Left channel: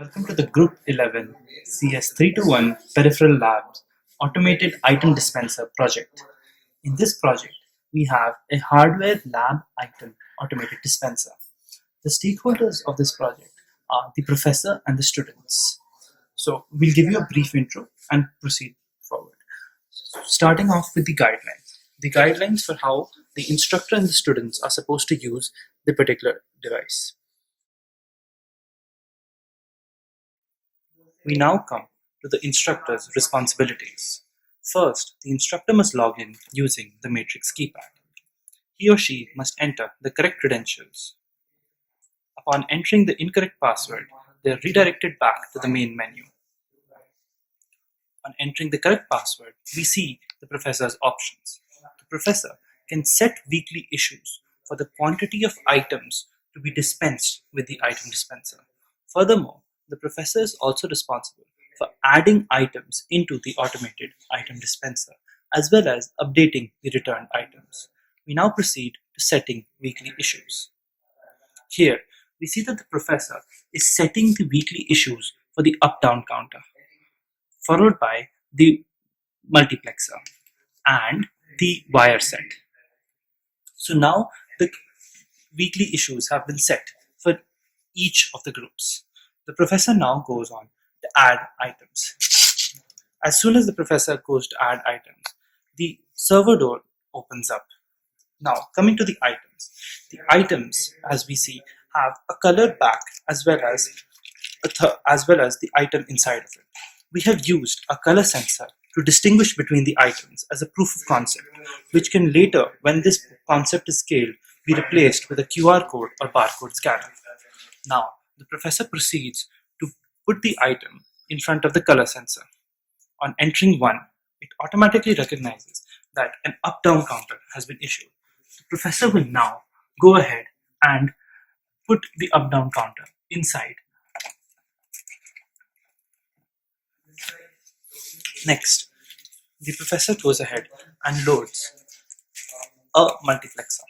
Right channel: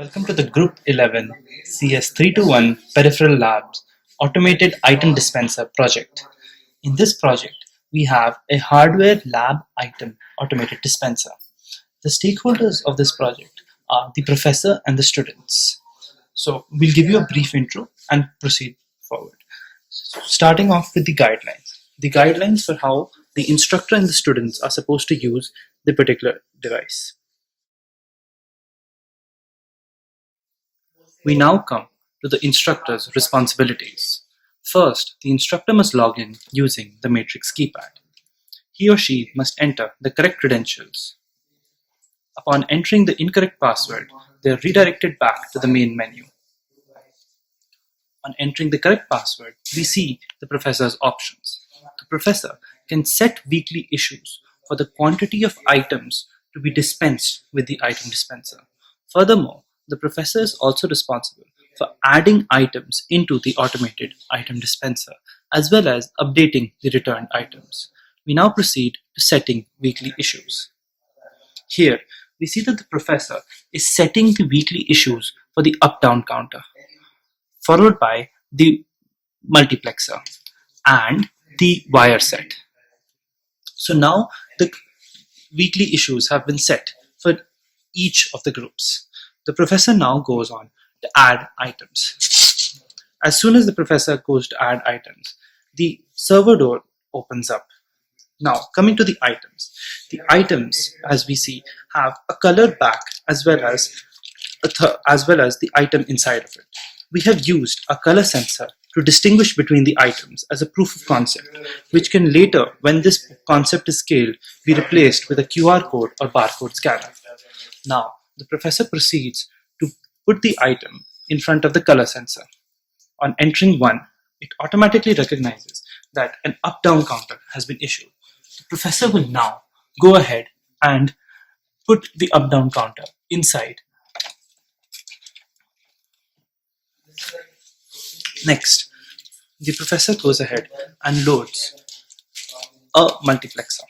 Welcome to the Group 11 CS321 Peripheral Labs Automated Item Dispenser project. In this project, we have a hardware lab item automated dispenser. The stakeholders of this project are the professor and the students. So we'll give you a brief intro and proceed forward. Starting off with the guidelines. The guidelines for how the instructor and the students are supposed to use the particular device. We now come to the instructor's responsibilities. First, the instructor must log in using the matrix keypad. He or she must enter the correct credentials. Upon entering the incorrect password, they are redirected back to the main menu. On entering the correct password, we see the professor's options. The professor can set weekly issues for the quantity of items to be dispensed with the item dispenser. Furthermore, the professor is also responsible for adding items into the automated item dispenser as well as updating the returned items. We now proceed to setting weekly issues. Here, we see that the professor is setting the weekly issues for the up-down counter, followed by the multiplexer and the wire set. So now the weekly issues have been set for each of the groups. The professor now goes on to add items. As soon as the professor goes to add items, the server door opens up. Now, coming to the items, as we see, have a colored back as well as the item inside of it. We have used a color sensor to distinguish between the items as a proof of concept, which can later, when this concept is scaled, be replaced with a QR code or barcode scanner. Now, the professor proceeds to put the item in front of the color sensor. On entering 1, it automatically recognizes that an up-down counter has been issued. The professor will now go ahead and put the up-down counter inside. Next, the professor goes ahead and loads a multiplexer.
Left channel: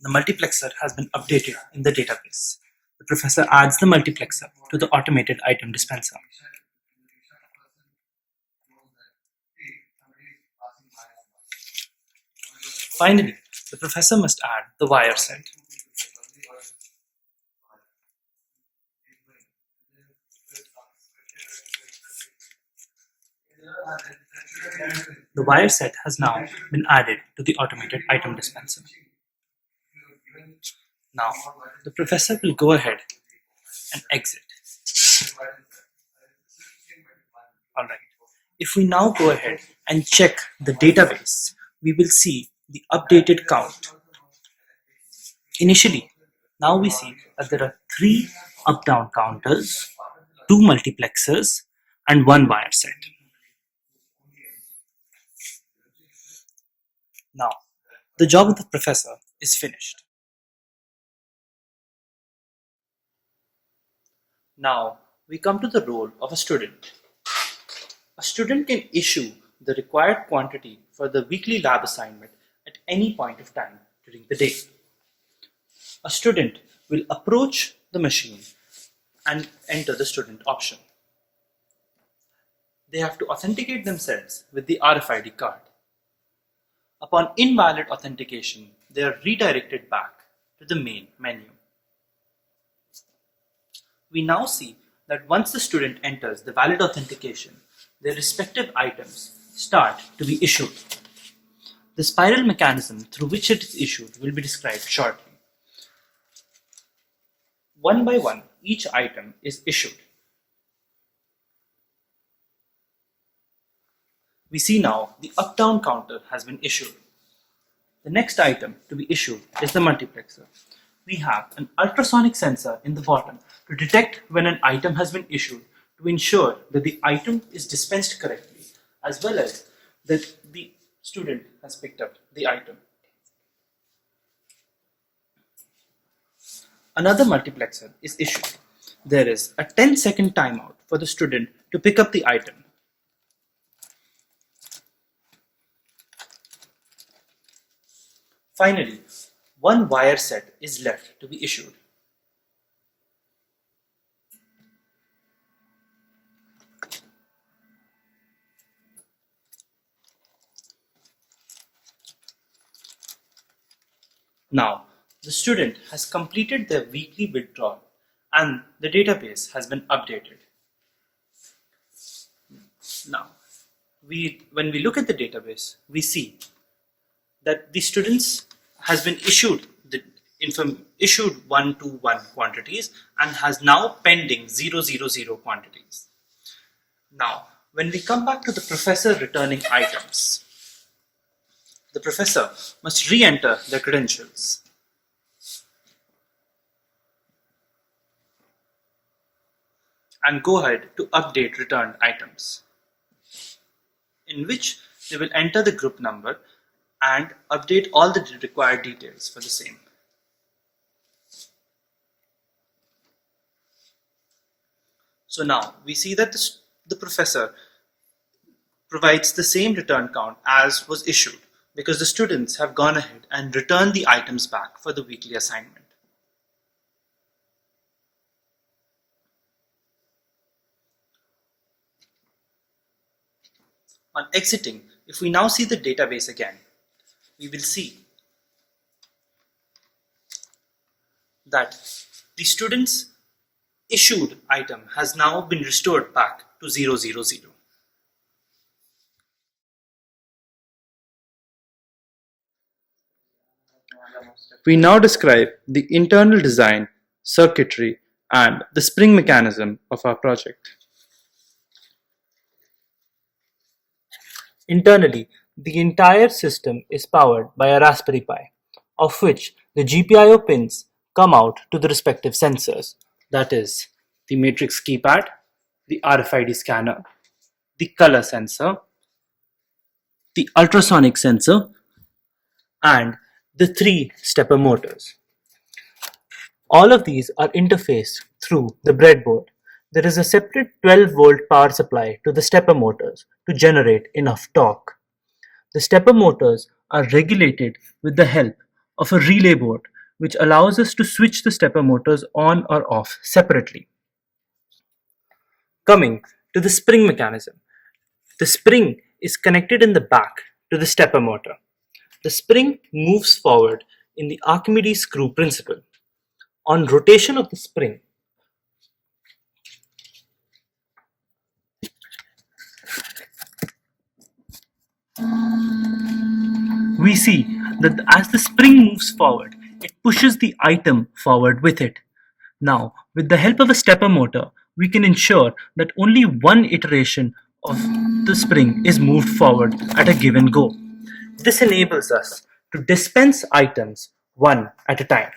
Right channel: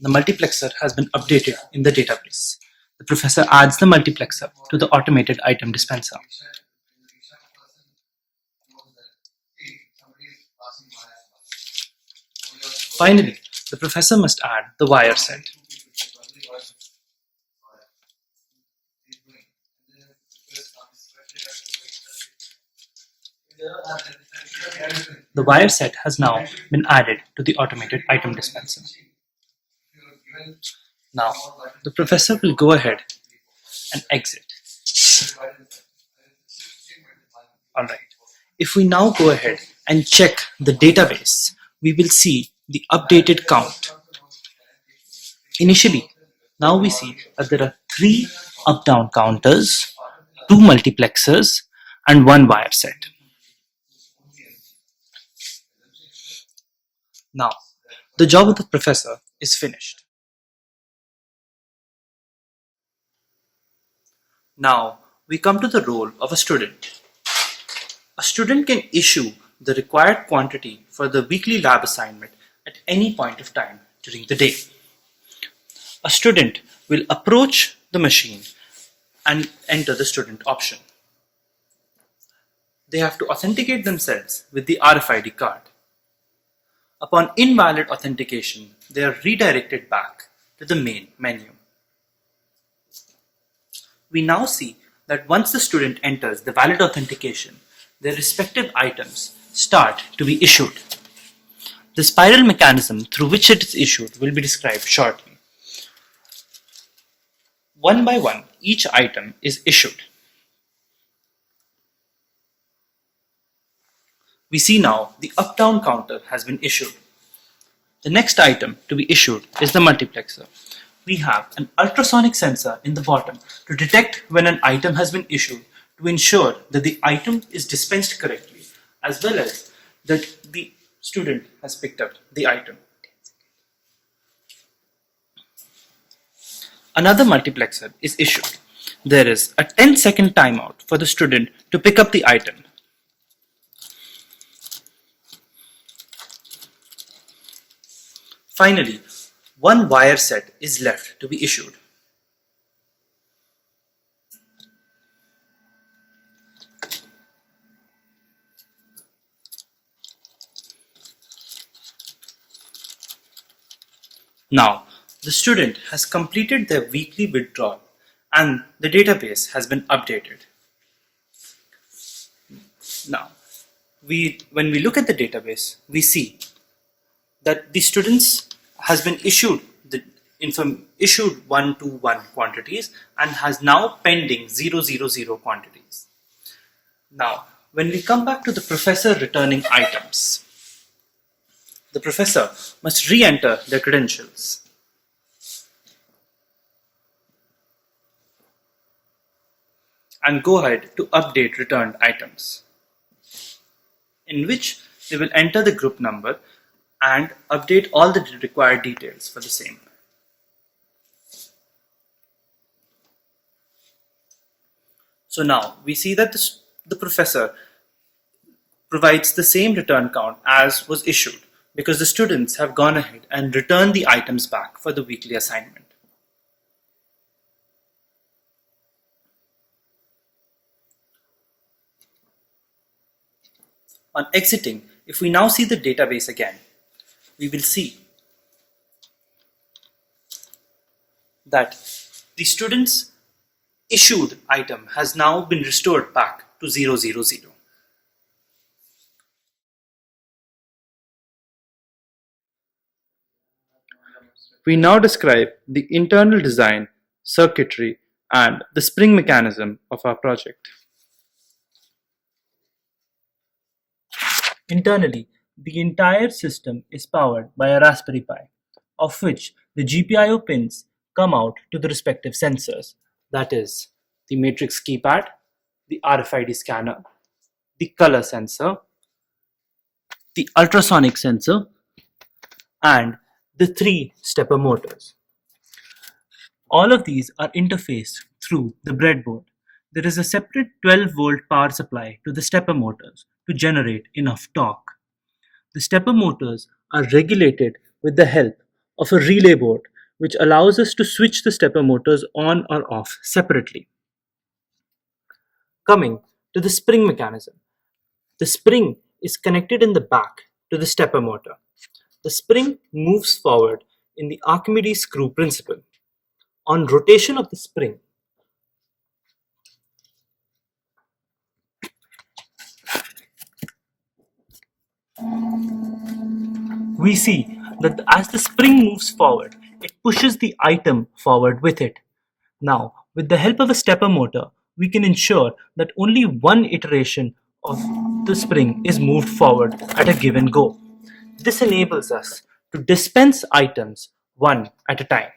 The multiplexer has been updated in the database. The professor adds the multiplexer to the automated item dispenser. Finally, the professor must add the wire set. The wire set has now been added to the automated item dispenser. Now, the professor will go ahead and exit. Alright, if we now go ahead and check the database, we will see the updated count. Initially, now we see that there are 3 up-down counters, 2 multiplexers, and 1 wire set. Now, the job of the professor is finished. Now, we come to the role of a student. A student can issue the required quantity for the weekly lab assignment at any point of time during the day. A student will approach the machine and enter the student option. They have to authenticate themselves with the RFID card. Upon invalid authentication, they are redirected back to the main menu. We now see that once the student enters the valid authentication, their respective items start to be issued. The spiral mechanism through which it is issued will be described shortly. One by one, each item is issued. We see now the up-down counter has been issued. The next item to be issued is the multiplexer. We have an ultrasonic sensor in the bottom to detect when an item has been issued to ensure that the item is dispensed correctly as well as that the student has picked up the item. Another multiplexer is issued. There is a 10-second timeout for the student to pick up the item. Finally, 1 wire set is left to be issued. Now, the student has completed their weekly withdrawal and the database has been updated. Now, when we look at the database, we see that the students has been issued the issued 121 quantities and has now pending 000 quantities. Now, when we come back to the professor returning items, the professor must re-enter their credentials and go ahead to update returned items, in which they will enter the group number and update all the required details for the same. So now we see that the professor provides the same return count as was issued because the students have gone ahead and returned the items back for the weekly assignment. On exiting, if we now see the database again, we will see that the student's issued item has now been restored back to 000. We now describe the internal design, circuitry, and the spring mechanism of our project. Internally, the entire system is powered by a Raspberry Pi, of which the GPIO pins come out to the respective sensors, that is, the matrix keypad, the RFID scanner, the color sensor, the ultrasonic sensor, and the three stepper motors. All of these are interfaced through the breadboard. There is a separate 12-volt power supply to the stepper motors to generate enough torque. The stepper motors are regulated with the help of a relay board, which allows us to switch the stepper motors on or off separately. Coming to the spring mechanism. The spring is connected in the back to the stepper motor. The spring moves forward in the Archimedes screw principle. On rotation of the spring, we see that as the spring moves forward, it pushes the item forward with it. Now, with the help of a stepper motor, we can ensure that only one iteration of the spring is moved forward at a given go. This enables us to dispense items one at a time.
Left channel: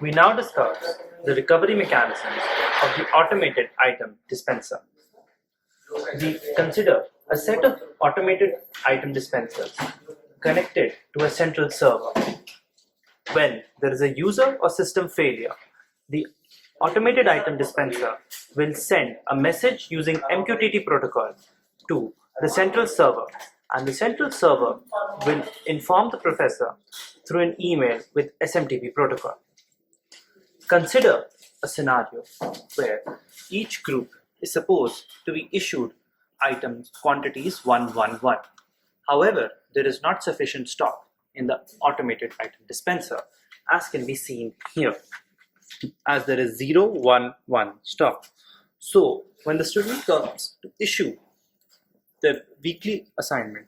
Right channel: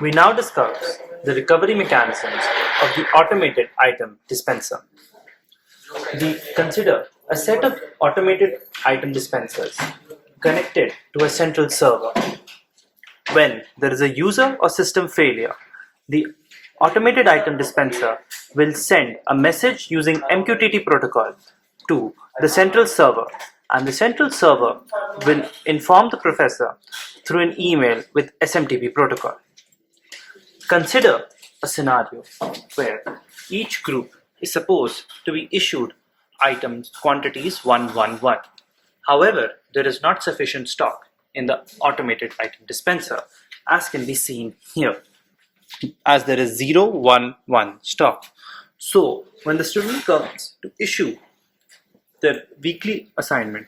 We now discuss the recovery mechanisms of the automated item dispenser. We consider a set of automated item dispensers connected to a central server. When there is a user or system failure, the automated item dispenser will send a message using MQTT protocol to the central server, and the central server will inform the professor through an email with SMTP protocol. Consider a scenario where each group is supposed to be issued items quantities 111. However, there is not sufficient stock in the automated item dispenser, as can be seen here, as there is 011 stock. So, when the student comes to issue their weekly assignment,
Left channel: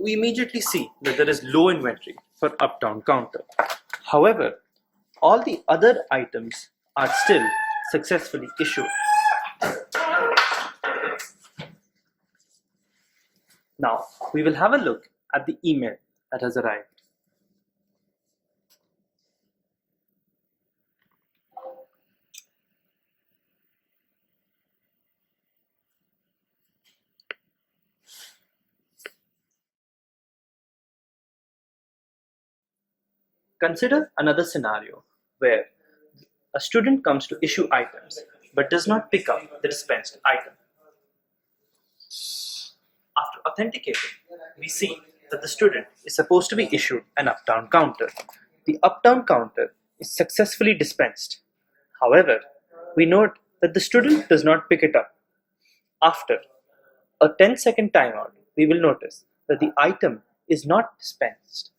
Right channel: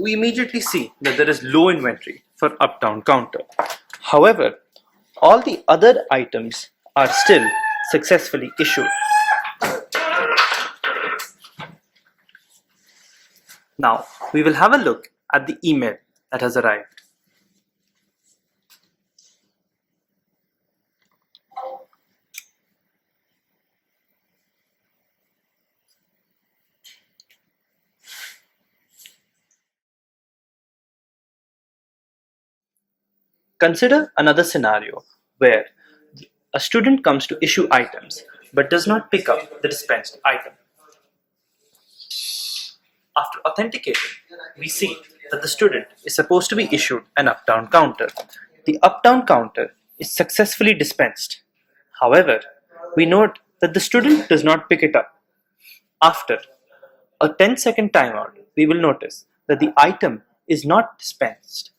we immediately see that there is low inventory for up-down counter. However, all the other items are still successfully issued. Now, we will have a look at the email that has arrived. Consider another scenario where a student comes to issue items but does not pick up the dispensed item. After authenticating, we see that the student is supposed to be issued an up-down counter. The up-down counter is successfully dispensed. However, we note that the student does not pick it up. After a 10-second timeout, we will notice that the item is not dispensed.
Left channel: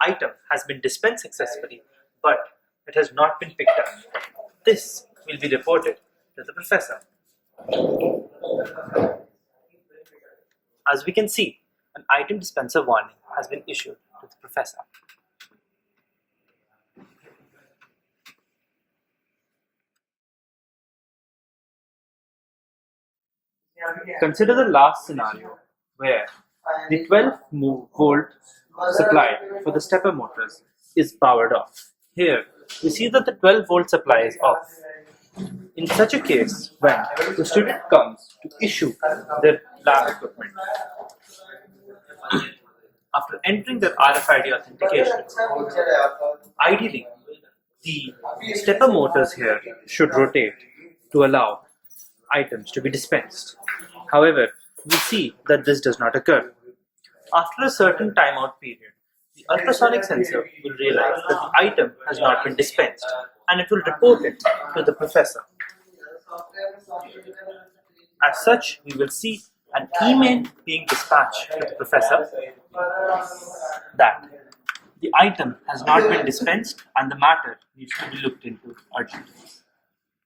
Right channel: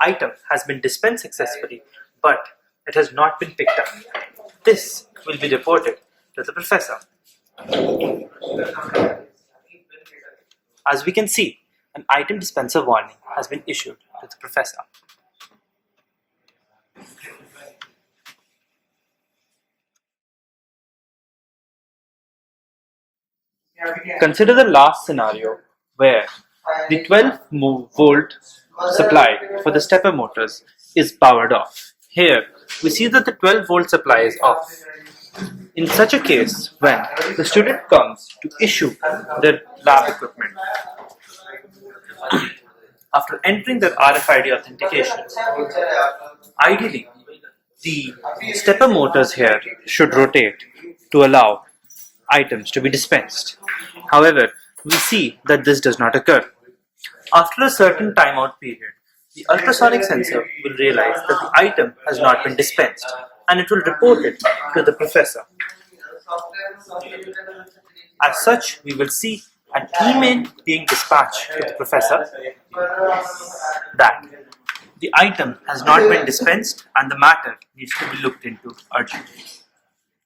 Item has been dispensed successfully, but it has not been picked up. This will be reported to the professor. As we can see, an item dispenser warning has been issued to the professor. Consider the last scenario where the 12-volt supply for the stepper motors is powered off. Here, we see that the 12-volt supply is off. In such a case, when the student comes to issue their lab equipment, after entering their RFID authentication, ideally, the stepper motors here should rotate to allow items to be dispensed. However, we see that this does not occur. After a certain timeout period, the ultrasonic sensor will realize that the item has not been dispensed and it will report it to the professor. As such, we will see an email being dispatched to the professor that the item has not been dispensed and the matter needs to be looked into urgently.